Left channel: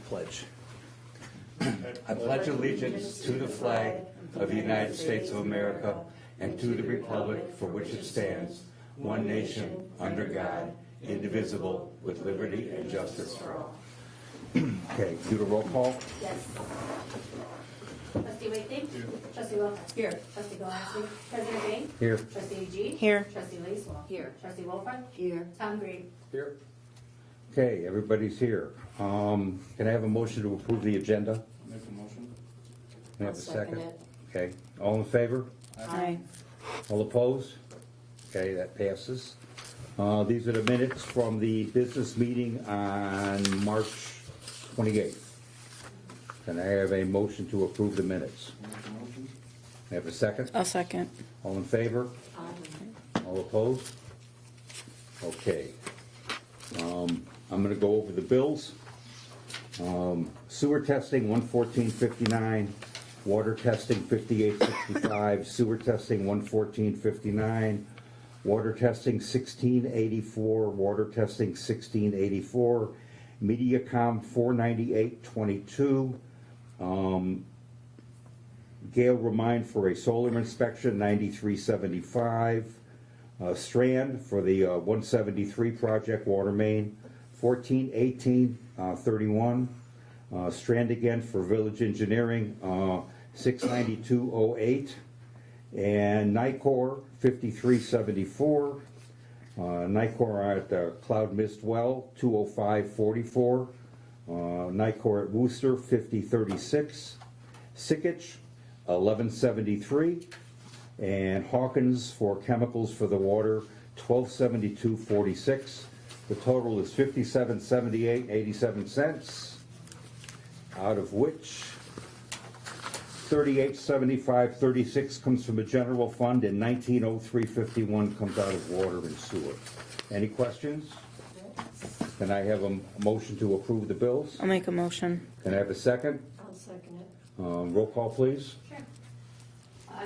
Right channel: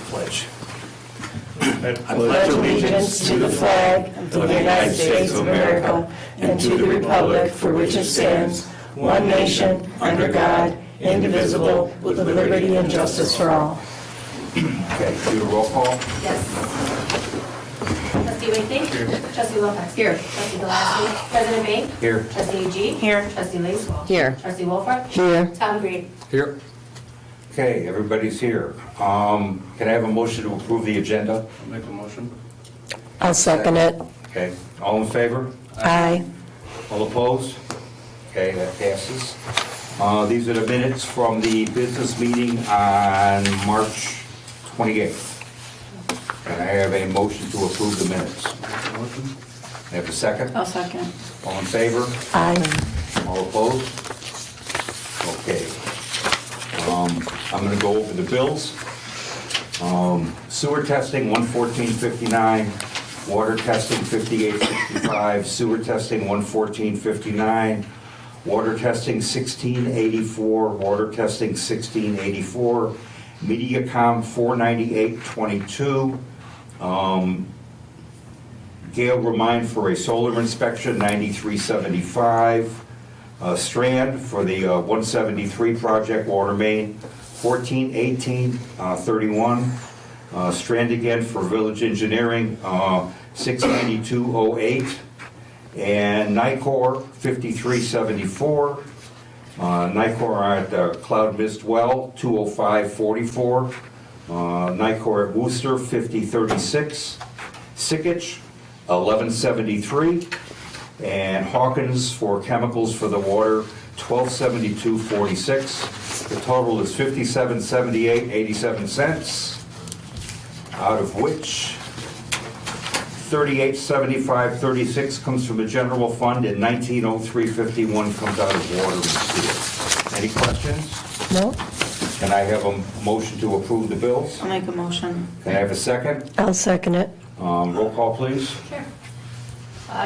Pledge. I pledge allegiance to the flag of the United States of America and to the republic for which it stands, one nation, under God, indivisible, with liberty and justice for all. Okay, do a roll call. Yes. Trustee Wakely? Here. Trustee Wilcox? Here. Trustee Gillespie? President Bain? Here. Trustee Agee? Here. Trustee Lacewell? Here. Trustee Wolford? Here. Tom Green? Here. Okay, everybody's here. Can I have a motion to approve the agenda? Make a motion. I'll second it. Okay, all in favor? Aye. All opposed? Okay, that passes. These are the minutes from the business meeting on March 28th. Can I have a motion to approve the minutes? Make a motion. I have a second? I'll second. All in favor? Aye. All opposed? Okay. I'm going to go over the bills. Sewer testing, 114.59. Water testing, 58.65. Sewer testing, 114.59. Water testing, 16.84. Water testing, 16.84. MediaCom, 498.22. Gale Remind for a solar inspection, 93.75. Strand for the 173 project water main, 1418.31. Strand again for village engineering, 692.08. And Nicor, 53.74. Nicor at the Cloud Mist Well, 205.44. Nicor at Worcester, 50.36. Sickich, 11.73. And Hawkins for chemicals for the water, 1272.46. The total is 5778.87 cents, out of which 3875.36 comes from the general fund and 1903.51 comes out of water and sewer. Any questions? No? Can I have a motion to approve the bills? I'll make a motion. Can I have a second? I'll second it. Roll call, please. Sure.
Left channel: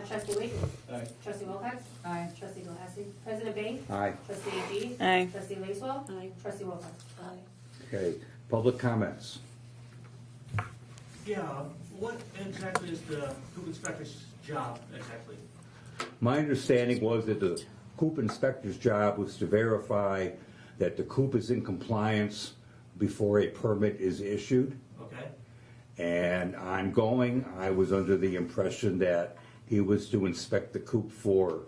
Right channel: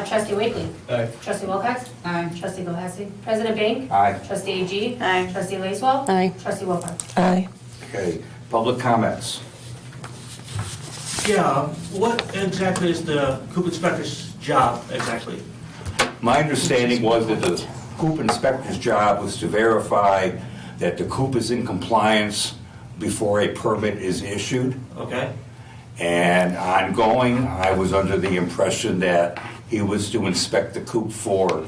Trustee Wakely? Aye. Trustee Wilcox? Aye. Trustee Gillespie? President Bain? Aye. Trustee Agee? Aye. Trustee Lacewell? Aye. Trustee Wolford? Aye. Okay, public comments. Yeah, what exactly is the coop inspector's job exactly? My understanding was that the coop inspector's job was to verify that the coop is in compliance before a permit is issued. Okay, And ongoing, I was under the impression that he was to inspect the coop for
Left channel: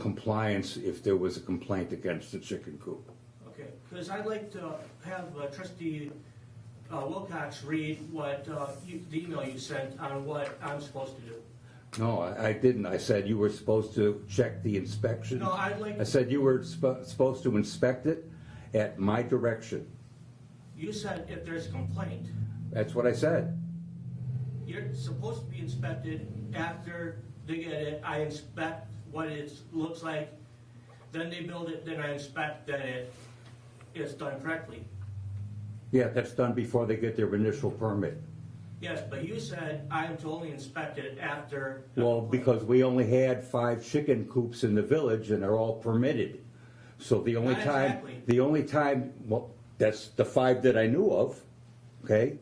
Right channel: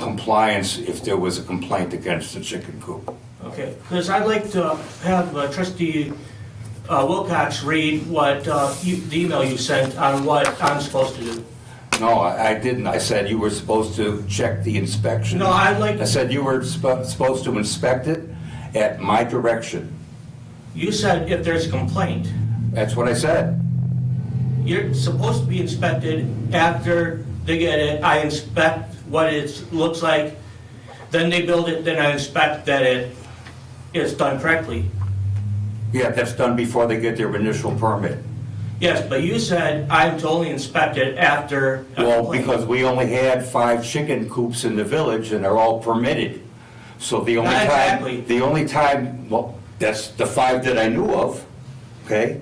compliance if there was a complaint against the chicken coop. okay, because I'd like to have trustee Wilcox read what, the email you sent on what I'm supposed to do. No, I didn't. I said you were supposed to check the inspection. No, I'd like, I said you were supposed to inspect it at my direction. you said if there's a complaint, That's what I said. you're supposed to be inspected after they get it. I inspect what it looks like, then they build it, then I inspect that it is done correctly. Yeah, that's done before they get their initial permit. Yes, but you said I'm to only inspect it after a Well, complaint. because we only had 5 chicken coops in the village and they're all permitted. So the only Not time, exactly. well, that's the 5 that I knew of, okay?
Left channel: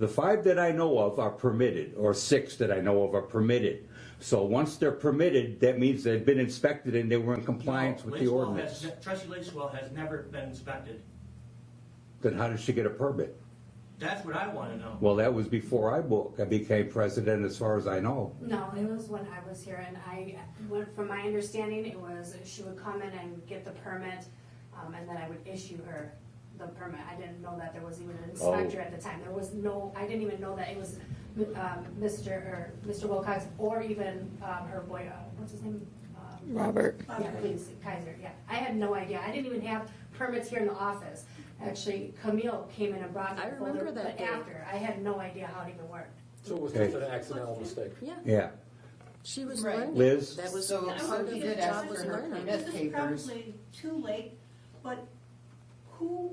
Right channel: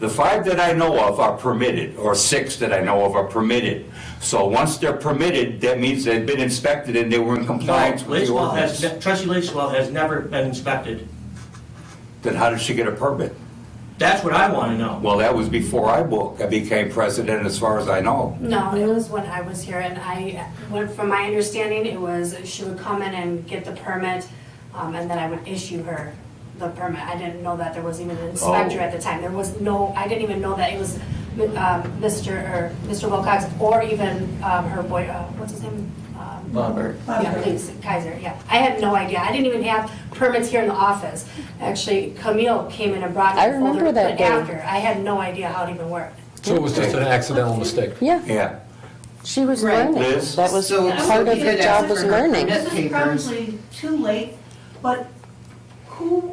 The 5 that I know of are permitted, or 6 that I know of are permitted. So once they're permitted, that means they've been inspected and they were in compliance with the Lacewell has, ordinance. Trustee Lacewell has never been inspected. Then how did she get a permit? That's what I want to know. Well, that was before I became president, as far as I know. No, it was when I was here, and from my understanding, it was she would come in and get the permit, and then I would issue her the permit. I didn't know that there was even an inspector Oh. at the time. There was no, I didn't even know that it was Mr. Wilcox or even her boy, what's his name? Robert. Yeah, please, Kaiser, yeah. I had no idea. I didn't even have permits here in the office. Actually, Camille came in and brought me I a folder, remember that but day. after. I had no idea how it even worked. So it was just an accidental mistake? Yeah, Yeah. she was Right. learning. Liz? That was So- part of her job was learning. Permit This is papers. probably too late, but who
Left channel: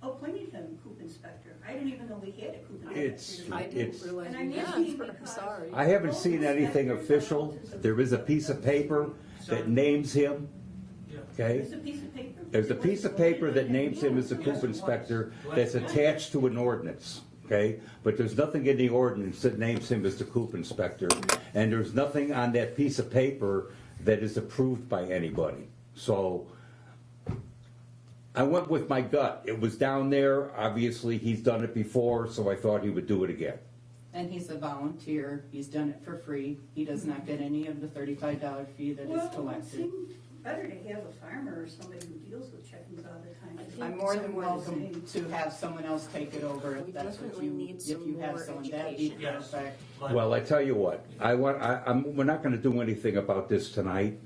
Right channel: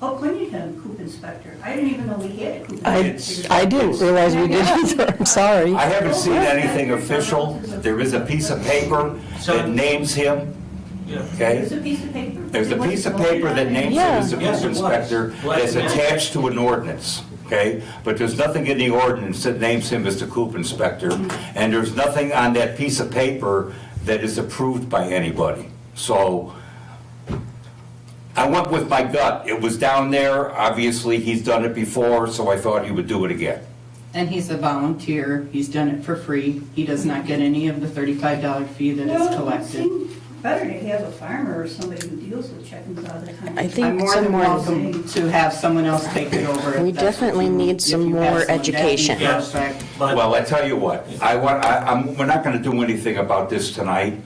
appointed him coop inspector? I didn't even know we had a coop inspector. I didn't realize we did either, I'm sorry. I haven't seen anything official. There is a piece of paper that names him, Yeah. okay? There's a piece of paper. There's a piece of paper that names him Yeah. as the Yes, coop it was. inspector that's attached to an ordinance, okay? But there's nothing in the ordinance that names him as the coop inspector, and there's nothing on that piece of paper that is approved by anybody. So I went with my gut. It was down there. Obviously, he's done it before, so I thought he would do it again. And he's a volunteer, he's done it for free, he does not get any of the $35 fee that Well, is it collected. seems better to have a farmer or somebody who deals with chickens all the time. I I'm think more than someone, welcome to have someone else take it over. if We that's what definitely you- need if some you have more someone. That'd be education. Yes. perfect. But Well, I tell you what, we're not gonna do anything about this tonight,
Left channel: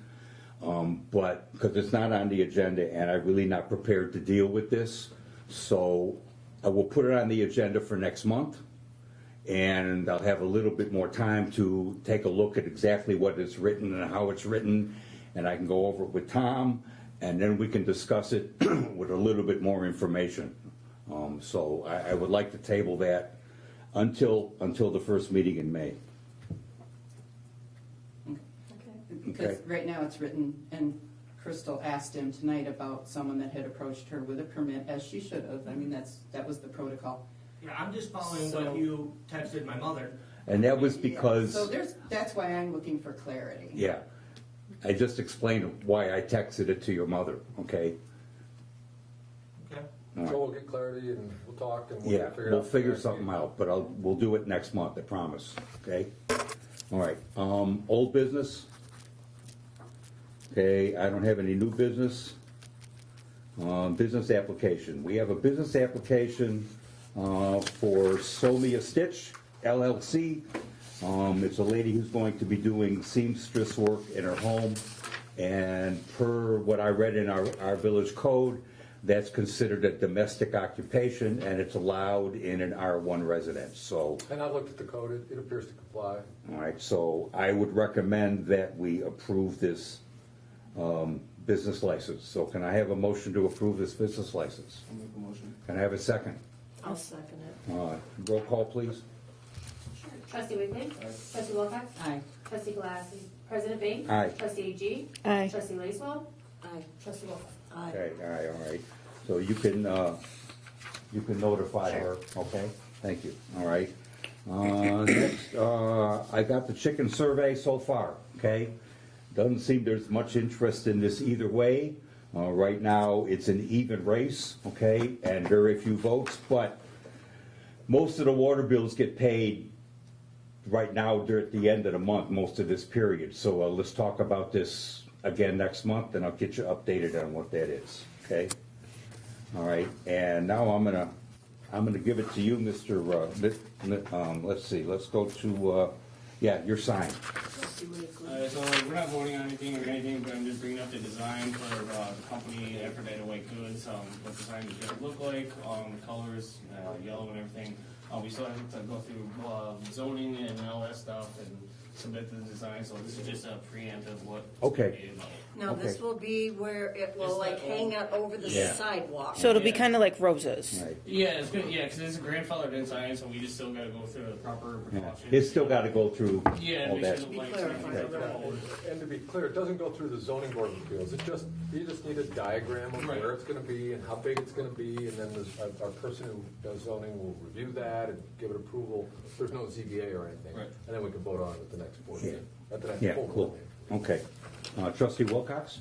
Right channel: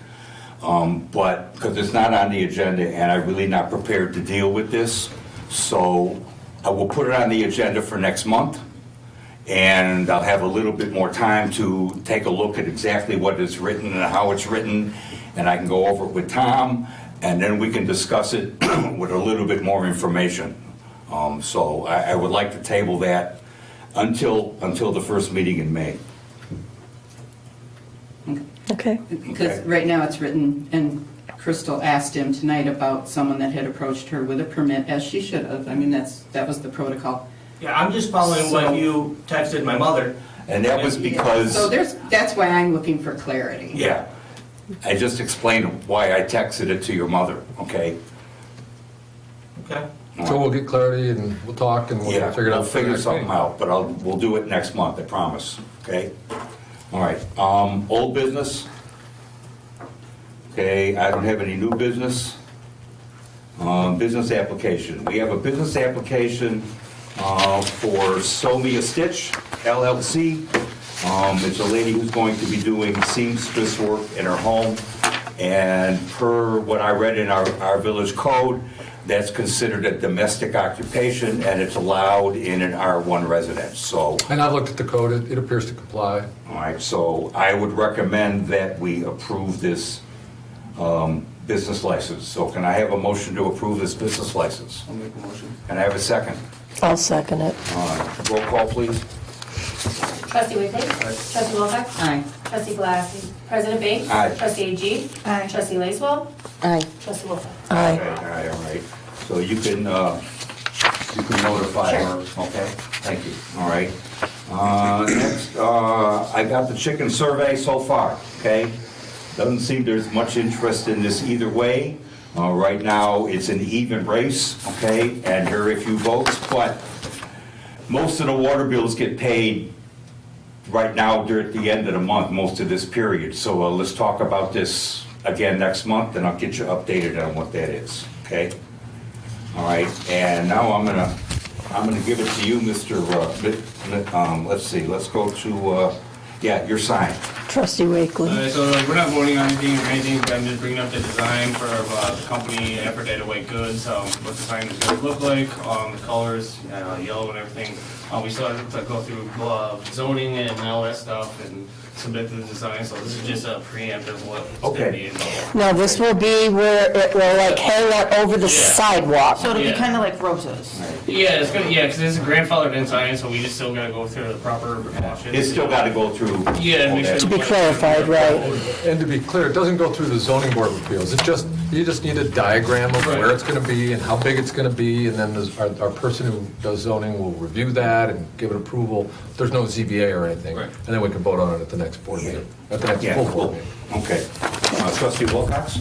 but, because it's not on the agenda, and I'm really not prepared to deal with this. So I will put it on the agenda for next month, and I'll have a little bit more time to take a look at exactly what is written and how it's written, and I can go over it with Tom, and then we can discuss it with a little bit more information. So I would like to table that until the first meeting in May. okay. Because right now it's written, and Crystal asked him tonight about someone that had approached her with a permit, as she should have. I mean, that was the protocol. yeah, I'm just following what you texted my mother. And that was because, So that's why I'm looking for clarity. yeah, I just explained why I texted it to your mother, okay? Okay. So we'll get clarity and we'll talk and we'll Yeah, figure it we'll out. for the figure next something meeting. out, but we'll do it next month, I promise, okay? All right, old business? Okay, I don't have any new business. Business application. We have a business application for Somia Stitch LLC. It's a lady who's going to be doing seamstress work in her home. And per what I read in our village code, that's considered a domestic occupation and it's allowed in an R1 residence. So, And I've looked at the code, it appears to comply. all right, so I would recommend that we approve this business license. So can I have a motion to approve this business license? I'll make a motion. Can I have a second? I'll second it. Roll call, please. Trustee Whitley. Trustee Wilcox. Aye. Trustee Galassi. President Bing. Aye. Trustee AG. Aye. Trustee Lacewell. Aye. Trustee Wolf. Aye. Okay, all right. So you can notify her, okay? Thank you, all right. Next, I got the chicken survey so far, okay? Doesn't seem there's much interest in this either way. Right now, it's an even race, okay, and very few votes, but most of the water bills get paid right now during the end of the month, most of this period. So let's talk about this again next month, and I'll get you updated on what that is, okay? All right, and now I'm gonna give it to you, Mr. Let's see, let's go to, yeah, your sign. Trustee Wakely. So we're not voting on anything or anything, but I'm just bringing up the design for the company Effort Data White Goods, what the sign is going to look like, the colors, yellow and everything. We still have to go through zoning and all that stuff and submit the design, so this is just a preempt of what's going to Okay. be involved. Now, this will be where it will like hang out over the sidewalk. So it'll be Yeah. kind of like roses. Yeah, it's gonna, yeah, because it's a grandfathered in sign, so we just still gotta go through the proper precautions. It's still gotta go through. Yeah, and make sure. To be clarified, right. And to be clear, it doesn't go through the zoning board of appeals. You just need a diagram of Right. where it's gonna be and how big it's gonna be, and then our person who does zoning will review that and give it approval. There's no ZBA or anything. Right. And then we can vote on it at the next board meeting, at the next Yeah, full board cool. meeting. Okay. Trustee Wilcox?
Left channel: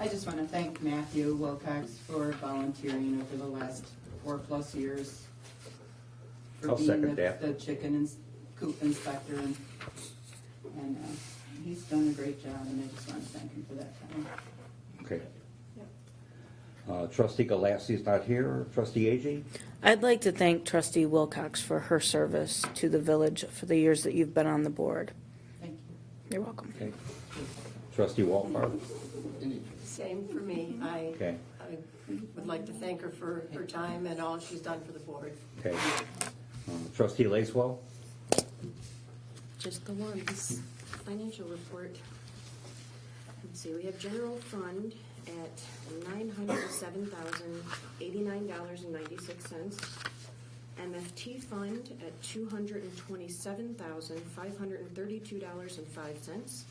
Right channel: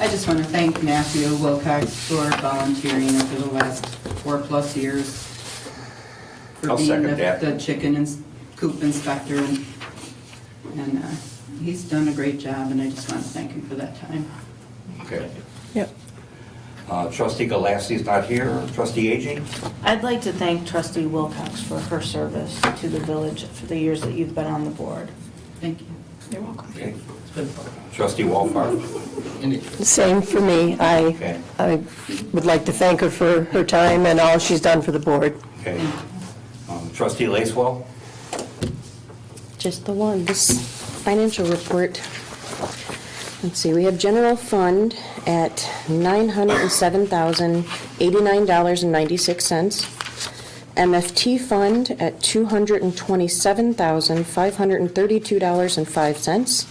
I just want to thank Matthew Wilcox for volunteering over the last 4+ years. For I'll being second that. the chicken coop inspector, and he's done a great job, and I just want to thank him for that time. Okay. Yep. Trustee Galassi's not here. Trustee Aging? I'd like to thank Trustee Wilcox for her service to the village for the years that you've been on the board. Thank you. You're welcome. Okay. Trustee Walfart? Same for me. Okay. I would like to thank her for her time and all she's done for the board. Okay. Trustee Lacewell? Just the one, this financial report. Let's see, we have general fund at $907,089.96. MFT fund at $227,532.05.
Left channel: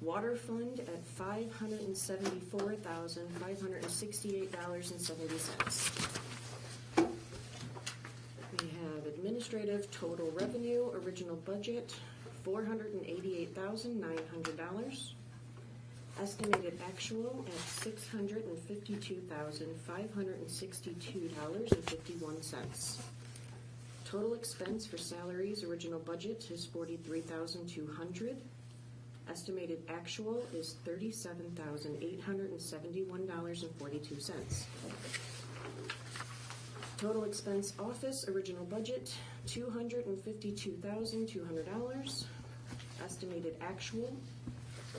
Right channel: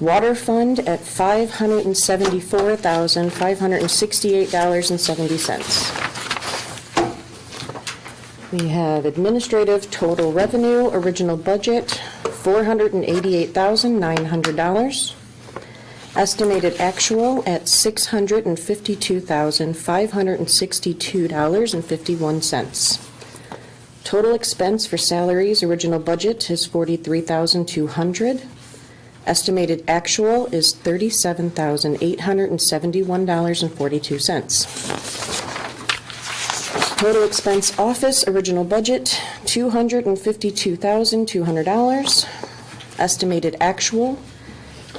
Water Fund at $574,568.70. We have administrative total revenue, original budget, $488,900. Estimated actual at $652,562.51. Total expense for salaries, original budget is $43,200. Estimated actual is $37,871.42. Total expense office, original budget, $252,200. Estimated actual,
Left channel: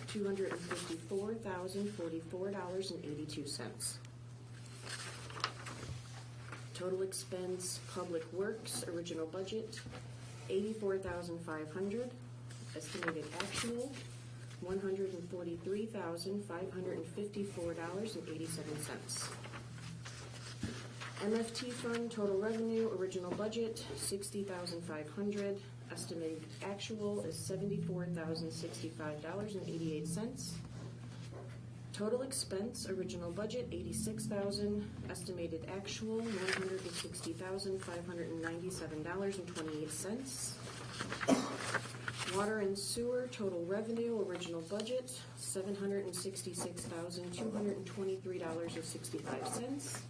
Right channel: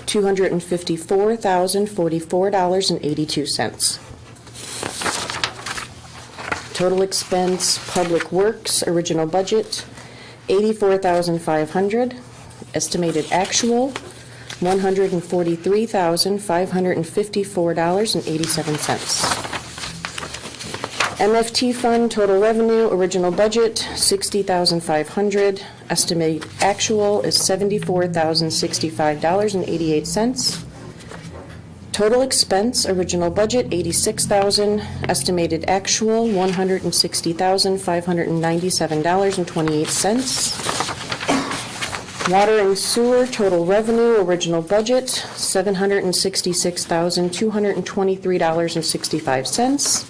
$254,044.82. Total expense public works, original budget, $84,500. Estimated actual, $143,554.87. MFT fund, total revenue, original budget, $60,500. Estimated actual is $74,065.88. Total expense, original budget, $86,000. Estimated actual, $160,597.28. Water and sewer, total revenue, original budget, $766,223.65.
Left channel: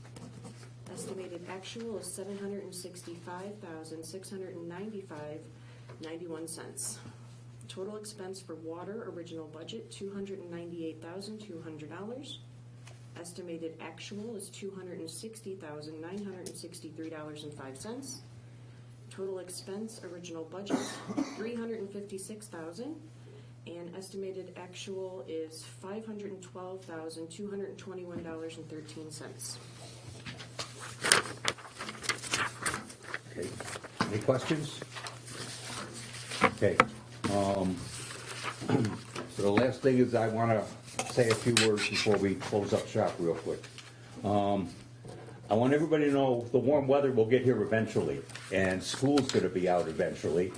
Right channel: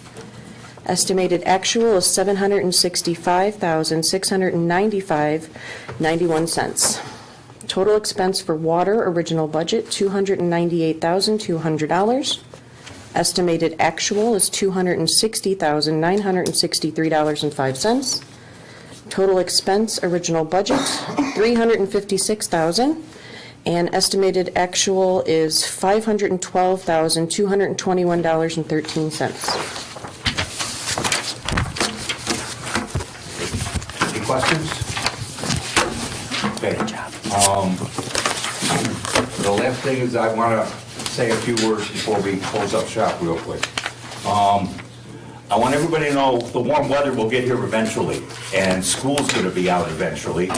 Estimated actual is $765,695.91. Total expense for water, original budget, $298,200. Estimated actual is $260,963.05. Total expense, original budget, $356,000. And estimated actual is $512,221.13. Any questions? Okay. So the last thing is I want to say a few words before we close up shop real quick. I want everybody to know the warm weather will get here eventually, and school's going to be out eventually,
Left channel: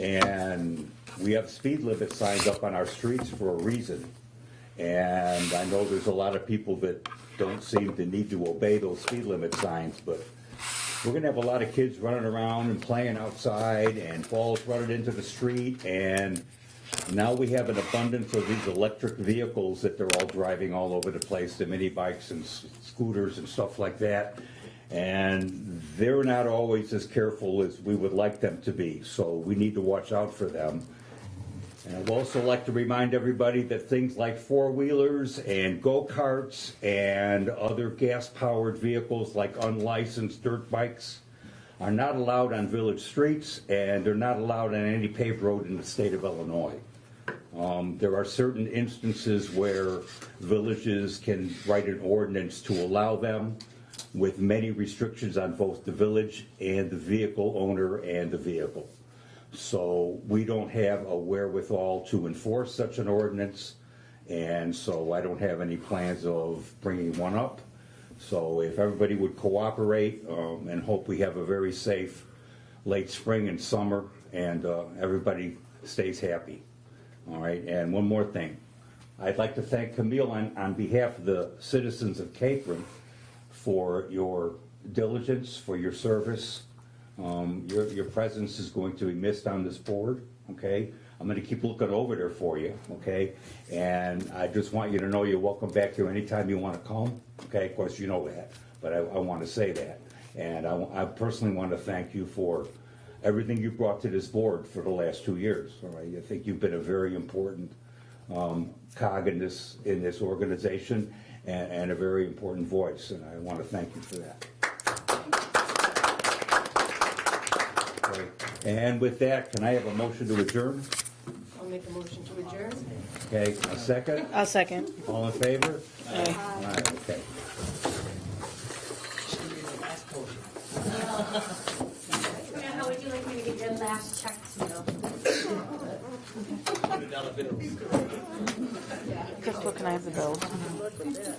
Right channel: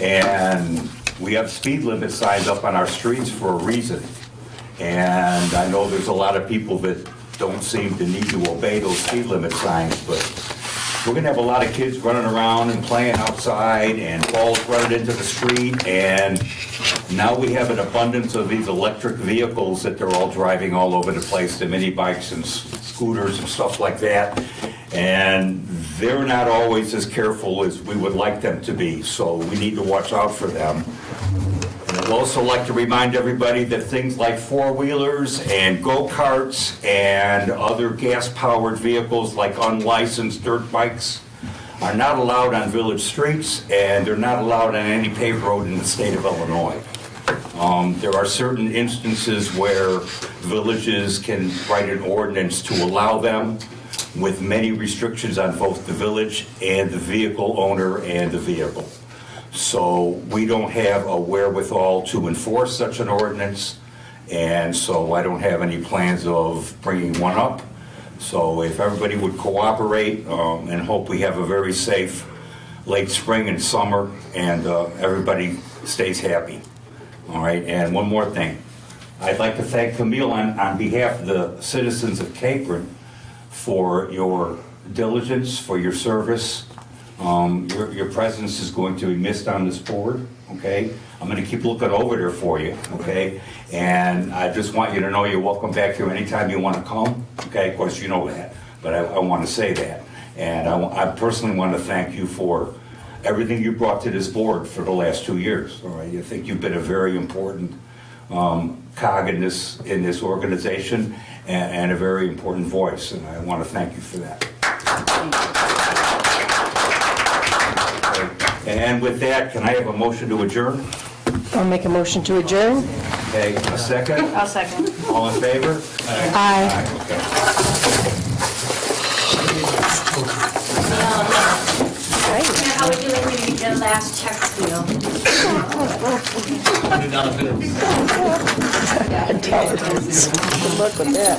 and we have speed limit signs up on our streets for a reason. And I know there's a lot of people that don't seem to need to obey those speed limit signs, but we're gonna have a lot of kids running around and playing outside and balls running into the street, and now we have an abundance of these electric vehicles that they're all driving all over the place, the mini bikes and scooters and stuff like that, and they're not always as careful as we would like them to be, so we need to watch out for them. And I'd also like to remind everybody that things like four-wheelers and go-karts and other gas-powered vehicles like unlicensed dirt bikes are not allowed on village streets, and they're not allowed on any paved road in the state of Illinois. There are certain instances where villages can write an ordinance to allow them, with many restrictions on both the village and the vehicle owner and the vehicle. So we don't have a wherewithal to enforce such an ordinance, and so I don't have any plans of bringing one up. So if everybody would cooperate, and hope we have a very safe late spring and summer, and everybody stays happy. All right, and one more thing. I'd like to thank Camille on behalf of the citizens of Capron for your diligence, for your service. Your presence is going to be missed on this board, okay? I'm gonna keep looking over there for you, okay? And I just want you to know you're welcome back here anytime you wanna come, okay? Of course, you know that, but I wanna say that. And I personally want to thank you for everything you brought to this board for the last 2 years, all right? I think you've been a very important cog in this organization, and a very important voice, and I want to thank you for that. And with that, can I have a motion to adjourn? I'll make a motion to adjourn. Okay, a second? I'll second. All in favor? Aye. Okay. How are we doing when you get a last check seal? Look at that.